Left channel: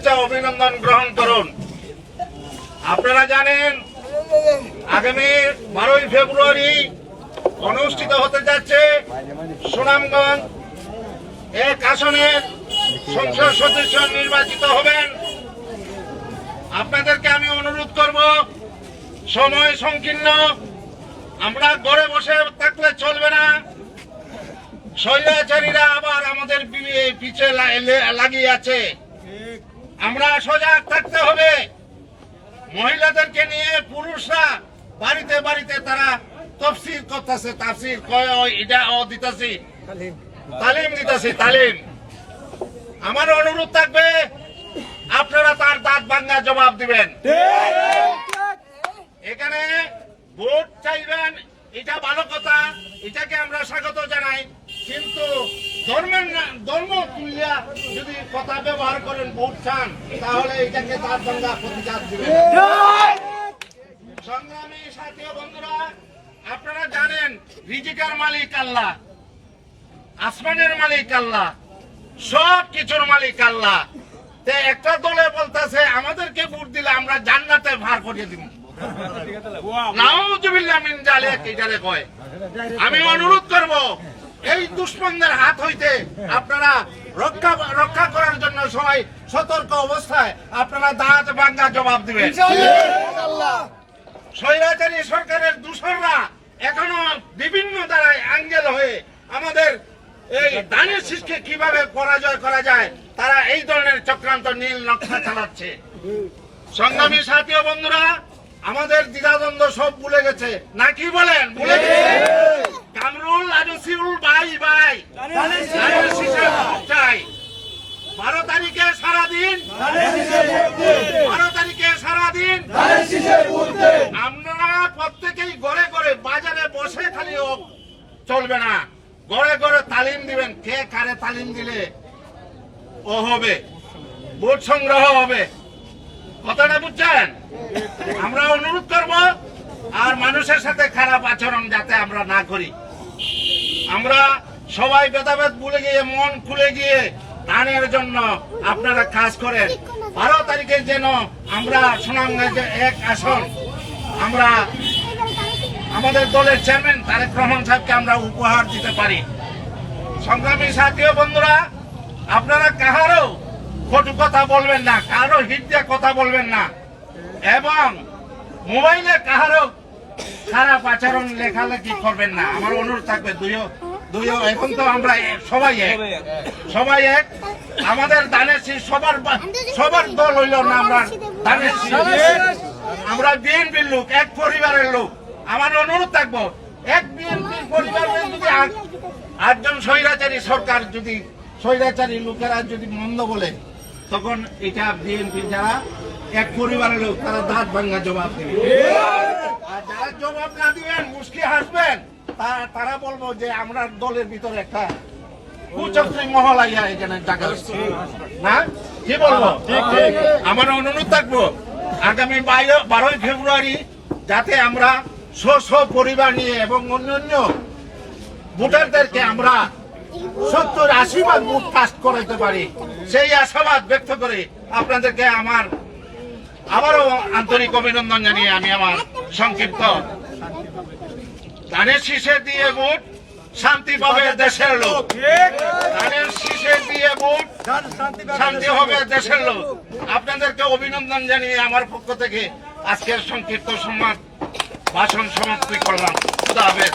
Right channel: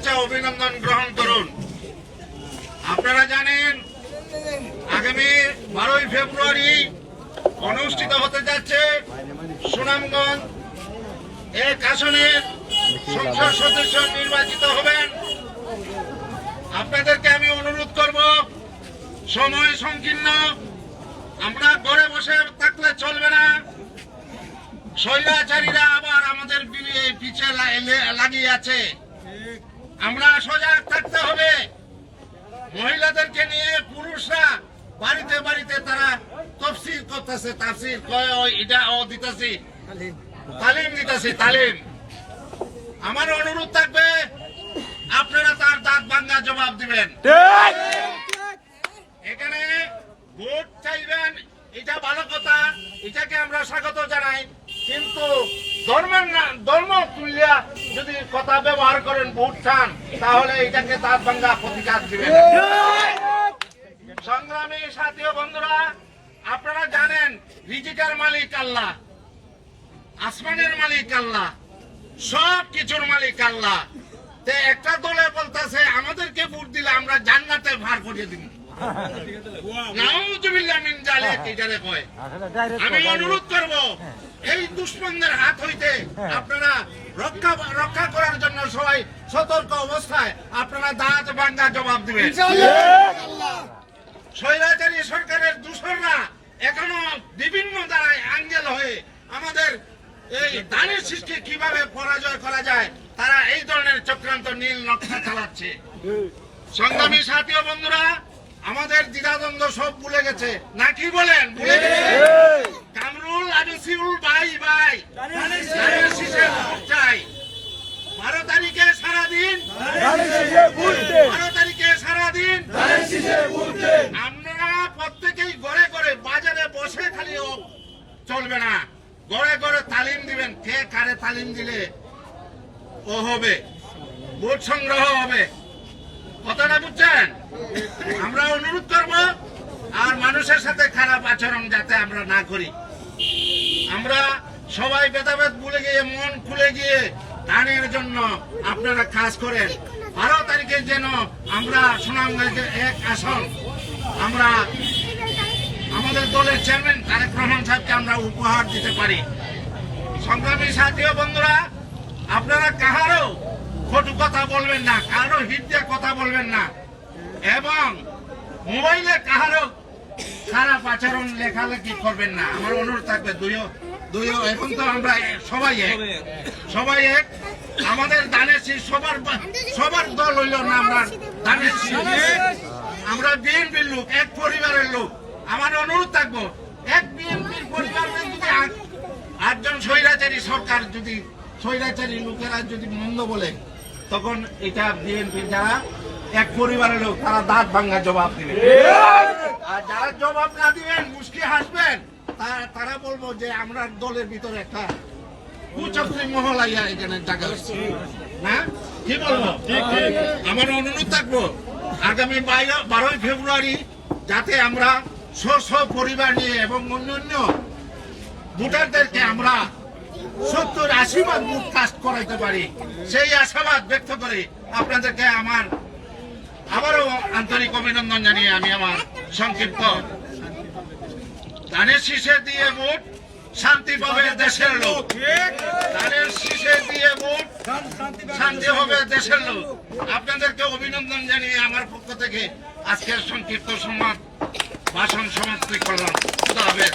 শুভেচ্ছা অভিনন্দন গ্রহণ করুন। আপনারা জানেন আগামী 12ই ফেব্রুয়ারি অনুষ্ঠিত হতে যাচ্ছে সুনামগঞ্জ 1 আসনের সংসদ সদস্য নির্বাচিত হবেন। আপনাদেরকে আমি অনুরোধ করব, সময় সংকীর্ণ, আমরা ঘরে বসে থাকলে চলবে না। স্বৈরাচারীরা আবার আমাদের পিছে লাগিয়ে আছে, আমরা সজাগ থাকতে হবে। মহিলাদেরকে নিয়ে পুরুষরা বাড়িতে বাড়িতে তারা তফসির করতেছে, তাফসির এটা দিতেছি, তালিম দিতেছি, তালিম। আমার অনুরোধ থাকবে আপনারা তার দাঁত ভাঙ্গা জবাব দিবেন। এখানে ভোট চাইবেন, এটা ভালো কথা, এটাকে আমরা স্বাগত জানাই, কিন্তু ধর্ম তুলিয়া যদি কথা ব্যবহার করেন, ভোট চান, তাহলে এটাকে দাঁত ভাঙ্গা প্রতিকার দিবেন। সংগ্রামী সাথী ও বন্ধুরা, আপনারা জানেন রিজিকার মালিক আল্লাহ, আসমানের মালিক আল্লাহ, সব কিছুর মালিক আল্লাহ। একটা দলে বলতেছে আমাদেরকে ভোট দিলে আমরা জান্নাতে ভার করিয়ে দিব। আমি অনুরোধ করব, এই দুশ্মনদের হাত হইতে আপনারা রক্ষা করার জন্য সবাই সতর্ক অবস্থায় আপনারা দাঁত ভাঙ্গা জবাব দিবেন। স্বৈরাচারী সরকারের দূষণরা এখনো বিভিন্ন দ্বারায় আঙ্গেল হয়ে আমাদের এই ধানের শীষকে কিভাবে পরাজয় করা যায়, তারা এই ধরনের চক্রান্ত নীল নকশা চালাচ্ছে। সংগ্রামী সাথী ও বন্ধুরা, আমাদের দ্বিধাদ্বন্দ্ব সব ভুলে গেছে না, কি বলেন? ভুলে গেছে। কামরুল আজসিউল ভাই ভাই ধানের শীষে চাই। 12 তারিখে সারাদিন, 12 তারিখে সারাদিন আপনারা প্রত্যেকেই ঘরে ঘরে বাজারে বসে খালি চলবে না, ঘরে ঘরে তালিম দিবেন। কে কারে তালিম দিলে ও হবে, ভোট সংগ্রহ হবে। কথাটা বুঝছেন? আমরা অনুরোধ করব, আর মানুষের সাথে খারাপ আচরণ যাতে আমরা না করি। আমরা সবাই ভেদাভেদ ভুলে গিয়ে মন খুলে গিয়ে ধানের জন্য আপনারা কাজ করেন। 12 তারিখে যেন আমরা সুনামগঞ্জে 1 আসন আমরা আমাদের দলের চেয়ারম্যান তারেক রহমান সাহেবকে আমরা উপহার দিতে পারি। সংগ্রামী সাথী ও বন্ধুরা, আপনারা কাহারও কটু কথা বলবেন না, কারো হিট দিয়ে কথা বলবেন না, এবং মোবাইলে কাহারও খারাপ আচরণ লেখালেখি করবেন না। আমার অনুরোধ থাকবে, দুইও এখন তো আমরা সবাই এক। আমাদের ধানের শীষ সবার দল হইল না, আমরা ধানের শীষ, আমরা বিএনপির লোক, এক পরিবারের লোক। আমার অনুরোধ থাকবো, এক বিএনপির পরিবারের যদি 8জন স্বৈরাচারী সরকার, যদি স্বৈরাচারী লোকেরা যদি মন্দ বলে, তখন এটা বিএনপি যারা এক পরিবারের লোক, তারা দাঁত ভাঙ্গা জবাব দিবে। আর যারা জবাব না দিবেন, মুশকি হাসবেন, তারা বলবো যে আমরা দলের ভিতরে একটা কুচক্রী মহল আইয়া এখানে জায়গা না, কি বলবো? আমার অনুরোধ থাকবো, আগামী 12ই ফেব্রুয়ারি যাতে আমরা স্ব পরিবার নিয়ে এবং অন্যান্য ভোটারদেরকে আমরা 70-80 ভাগ ভোট কাস্ট করাইতে পারি, সেই আশাবাদ ব্যক্ত করে আপনাদেরকে আমার আবারও আন্তরিক অভিনন্দন জানিয়ে আমি আমার সংক্ষিপ্ত ধানের শীষে দিয়ে ভোট শান্তি পাবে দেশের লোক, ধানের শীষে দিয়ে ভোট শান্তি হবে দেশের লোক। আপনাদেরকে অভিনন্দন জানিয়ে আমার পক্ষ থেকে আজকের সংক্ষিপ্ত ভাষণ সমাপ্তি করলাম। খুদা হাফেজ।